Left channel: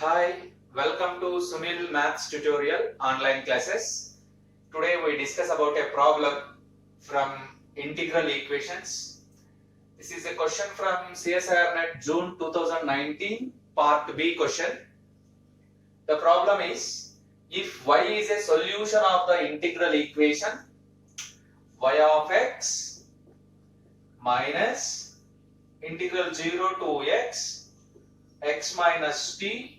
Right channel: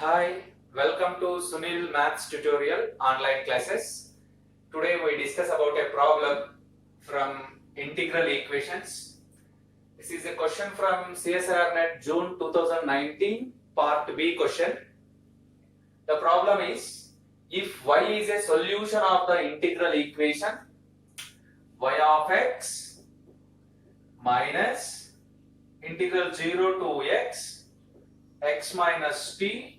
Hi, welcome to Sunil Maths tutorial online classes. Today we discuss about a problem from integral equations. This is a question from CSIR-NET June 2019 Part B question. The problem is, if y is a solution of the integral equation y of x minus integral 0 to x minus t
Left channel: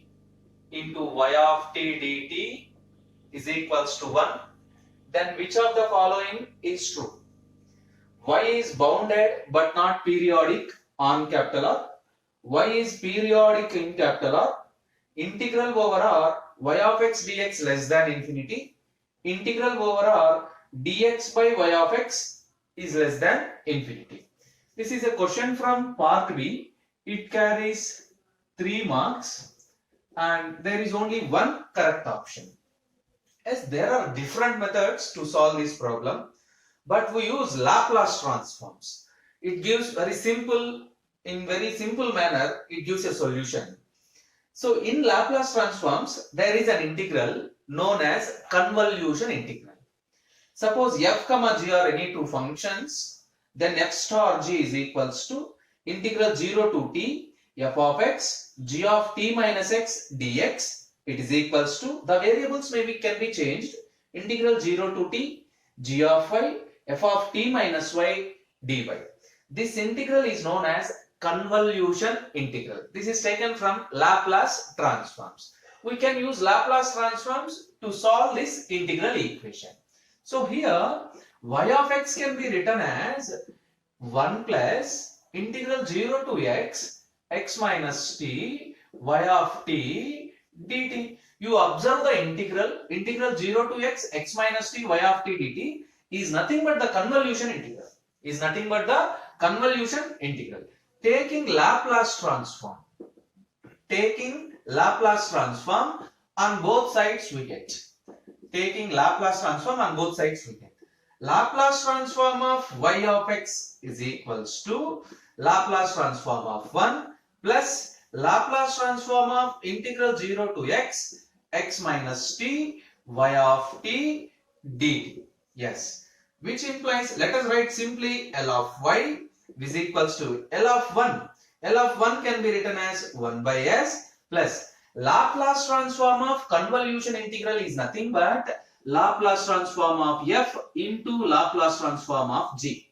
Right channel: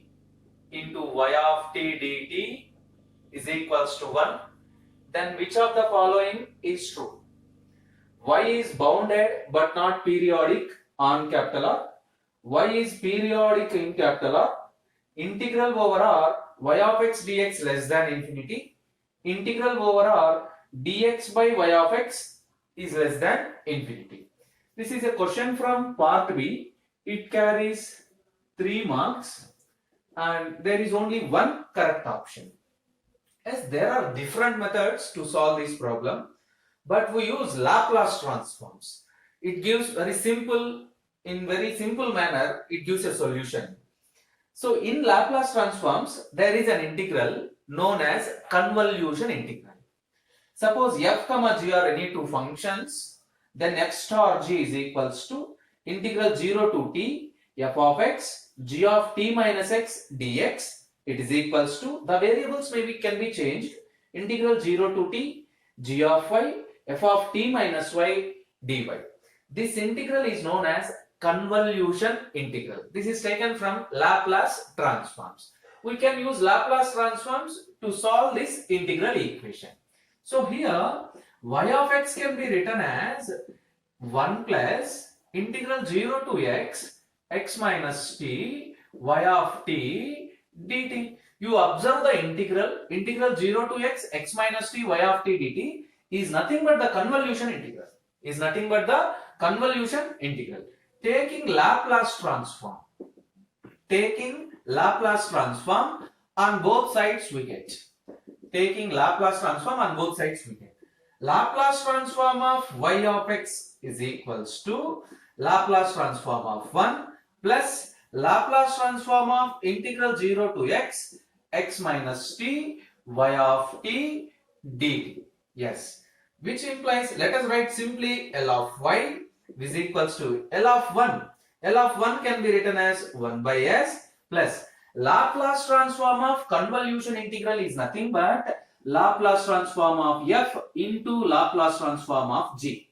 into y of t dt is equals to 1, then which of the following is true? Y is bounded but not periodic on capital R. Y is periodic in capital R. Integral over R y of x dx less than infinity. Integral over R dx by y of x is less than infinity. This is a question from part B. It carries 3 marks. And there is only one correct option. As there are different methods to solve this problem, but we use Laplace transforms. It gives very simple manner, it gives a solution. So in Laplace transforms, there is an integral known as convolution integral. Suppose f comma g are any two functions, then f star g is equals to integral 0 to t f of x g of t minus x dx. It is equals to, the variables can be changed, integral 0 to t g of y f of t minus y dy. This integral is known as convolution integral. This is taken from Laplace transforms. We can use Laplace transforms to solve this integral equation. So here y of x can be written as 1 plus integral 0 to x minus t y of t dt. You observe the integral 0 to x minus t y of t dt is nothing but the convolution integral. Taking Laplace transform on both sides we get. Laplace transform of y of x is equals to Laplace transform of 1 plus Laplace transform of integral 0 to x minus t y of t dt. Yes, which implies, let us write simply L of y is equals to L of 1. L of 1 can be written as 1 by s plus Laplace transform of convolution integral is nothing but Laplace transform of f into Laplace transform of g.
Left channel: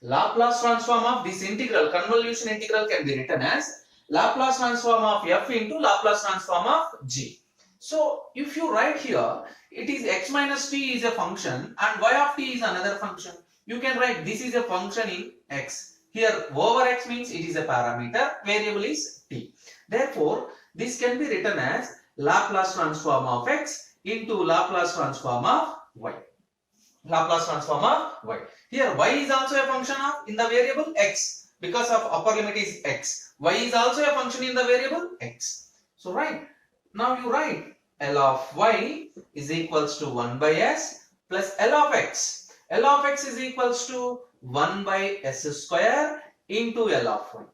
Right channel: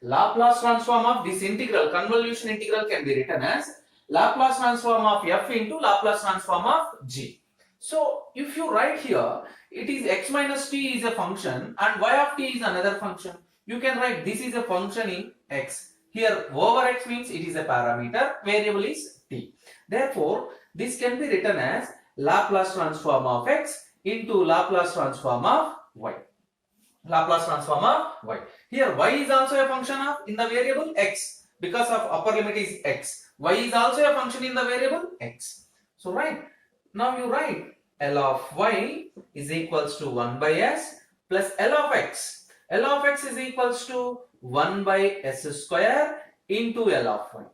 Laplace transform of this integral, convolution integral, can be written as Laplace transform of f into Laplace transform of g. So if you write here, it is x minus t is a function and y of t is another function. You can write this is a function in x. Here over x means it is a parameter, variable is t. Therefore, this can be written as Laplace transform of x into Laplace transform of y. Here y is also a function of in the variable x, because of upper limit is x. Y is also a function in the variable x. So now you write L of y is equals to 1 by s plus L of x. L of x is equals to 1 by s square into L of y.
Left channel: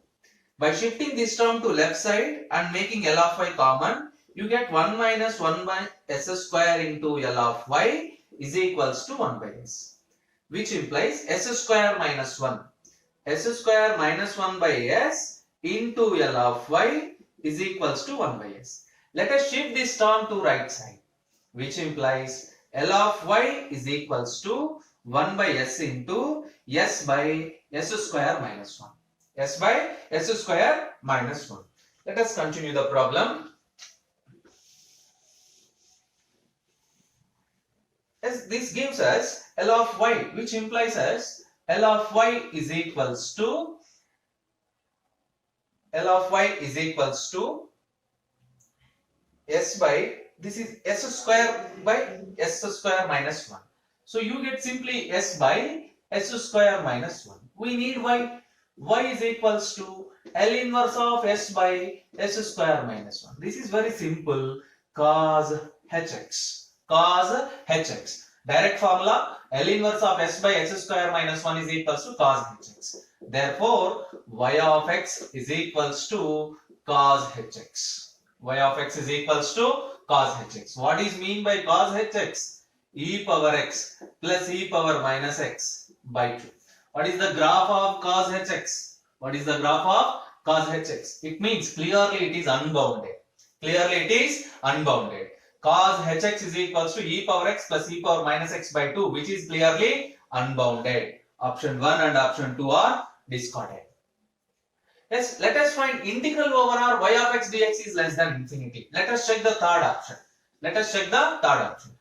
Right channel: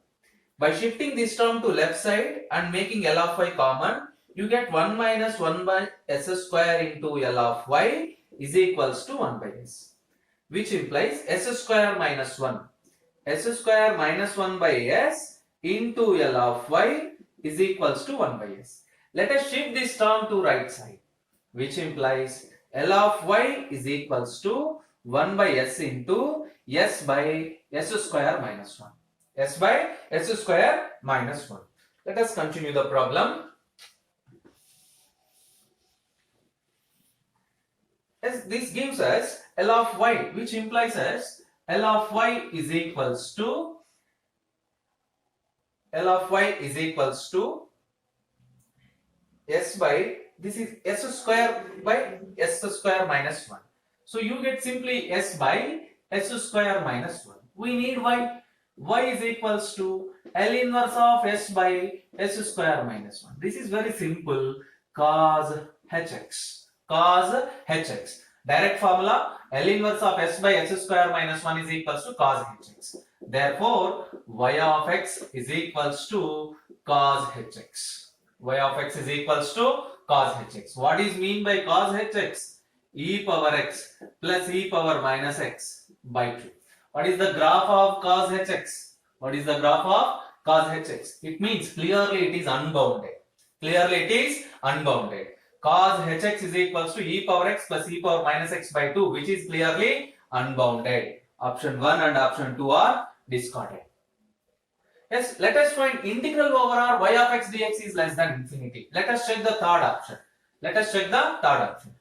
By shifting this term to left side and making L of y common, you get 1 minus 1 by s square into L of y is equals to 1 by s, which implies s square minus 1. S square minus 1 by s into L of y is equals to 1 by s. Let us shift this term to right side, which implies L of y is equals to 1 by s into s by s square minus 1. S by s square minus 1. Let us continue the problem. As this gives us L of y, which implies as L of y is equals to s by, this is s square by s square minus 1. So you get simply s by s square minus 1. We need y. Y is equals to L inverse of s by s square minus 1. This is very simple. Cos hx. Direct formula, L inverse of s by s square minus 1 is equals to cos hx. Therefore, y of x is equals to cos hx. y of x is equals to cos hx. What is mean by cos hx? E power x plus e power minus x by 2. What is the graph of cos hx? What is the graph of cos hx? It means clearly it is unbounded. Clearly it is unbounded. Cos hx is equals to e power x plus e power minus x by 2, which is clearly unbounded. Option 1 and option 2 are discarded. Yes, let us find integral over r y of x dx is less than infinity. Let us check the third option. Let us check the third option.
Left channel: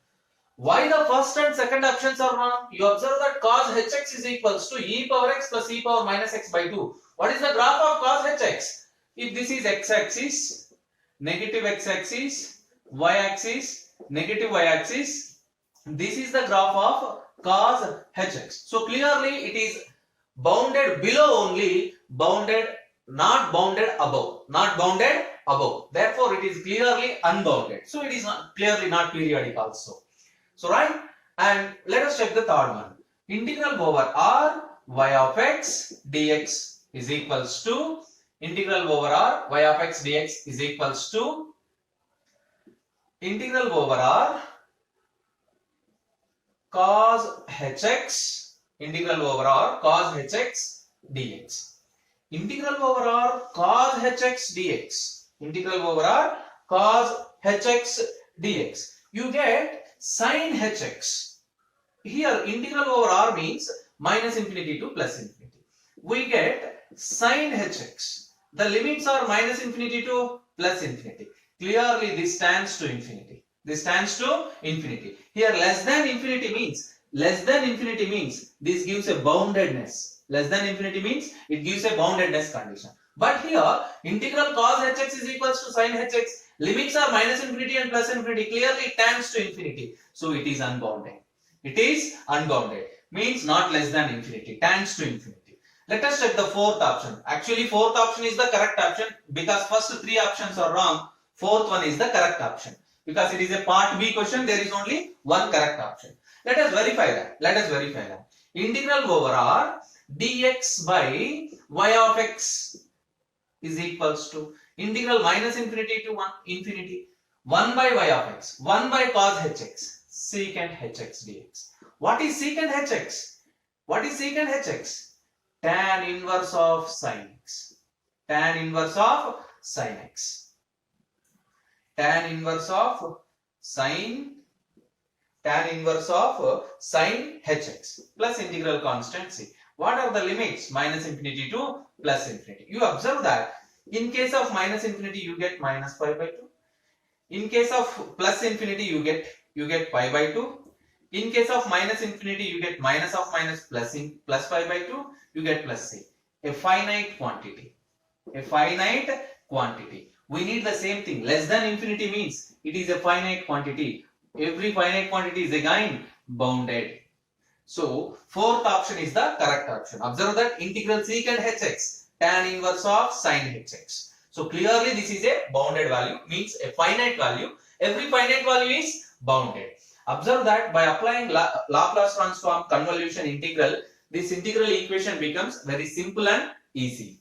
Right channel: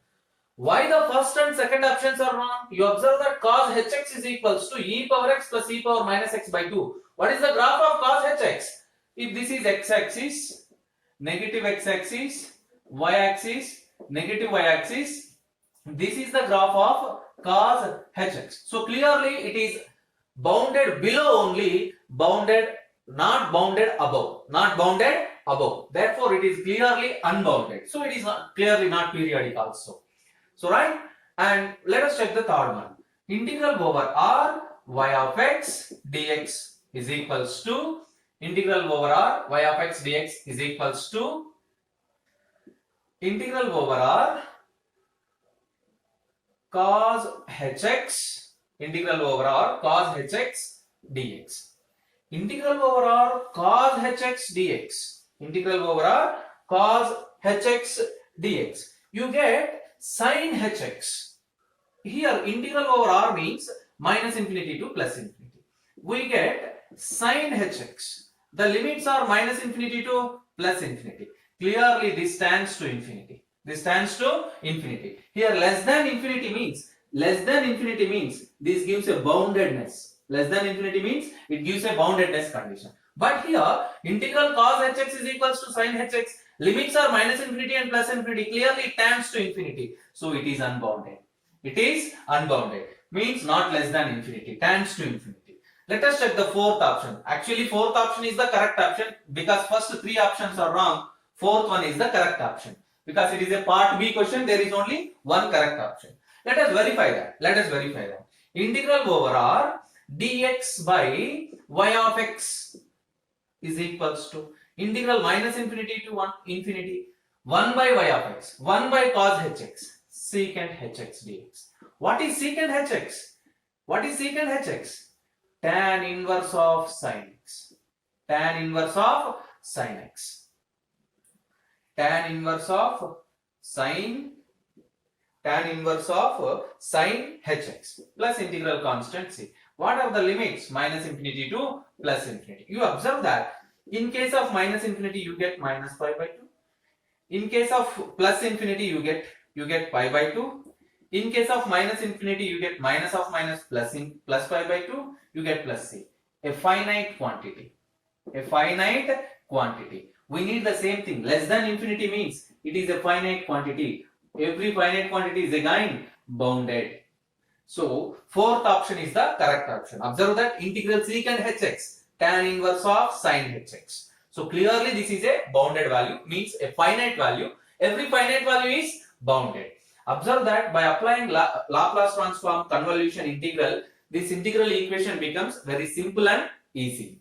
Why the first and second options are wrong? You observe that cos hx is equals to e power x plus e power minus x by 2. What is the graph of cos hx? If this is x-axis, negative x-axis, y-axis, negative y-axis, this is the graph of cos hx. So clearly it is bounded below only, not bounded above. Not bounded above. Therefore it is clearly unbounded. So it is clearly not periodic also. So right, and let us check the third one. Integral over r y of x dx is equals to integral over r y of x dx is equals to integral over r cos hx, integral over r cos hx dx. Integral over r cos hx dx, integral over r cos hx dx. You get sin hx. Here integral over r means minus infinity to plus infinity. We get sin hx. The limits are minus infinity to plus infinity. Clearly this tends to infinity. This tends to infinity. Here less than infinity means this gives a boundedness. Less than infinity means it gives a boundedness condition. But here integral cos hx is equals to sin hx. Limits are minus infinity and plus infinity. Clearly it tends to infinity. So it is unbounded. It is unbounded. Means not less than infinity. Tends to infinity. Let us check the fourth option. Actually fourth option is the correct option because first three options are wrong. Fourth one is the correct option. Because it is a part B question, there is only one correct option. Let us verify that. Integral over r dx by y of x is equals to integral minus infinity to 1 infinity 1 by y of x 1 by cos hx secant hx dx. What is secant hx? What is secant hx? Tan inverse of sin x. Tan inverse of sin x. Tan inverse of sin hx plus integral constant c. What are the limits? Minus infinity to plus infinity. You observe that in case of minus infinity you get minus pi by 2. In case of plus infinity you get pi by 2. In case of minus infinity you get minus of minus plus pi by 2. You get plus c. A finite quantity. A finite quantity. We need the same thing. Less than infinity means it is a finite quantity. Every finite quantity is again bounded. So fourth option is the correct option. Observe that integral secant hx tan inverse of sin hx. So clearly this is a bounded value, means a finite value. Every finite value is bounded. Observe that by applying Laplace transform convolution integral, this integral equation becomes very simple and easy.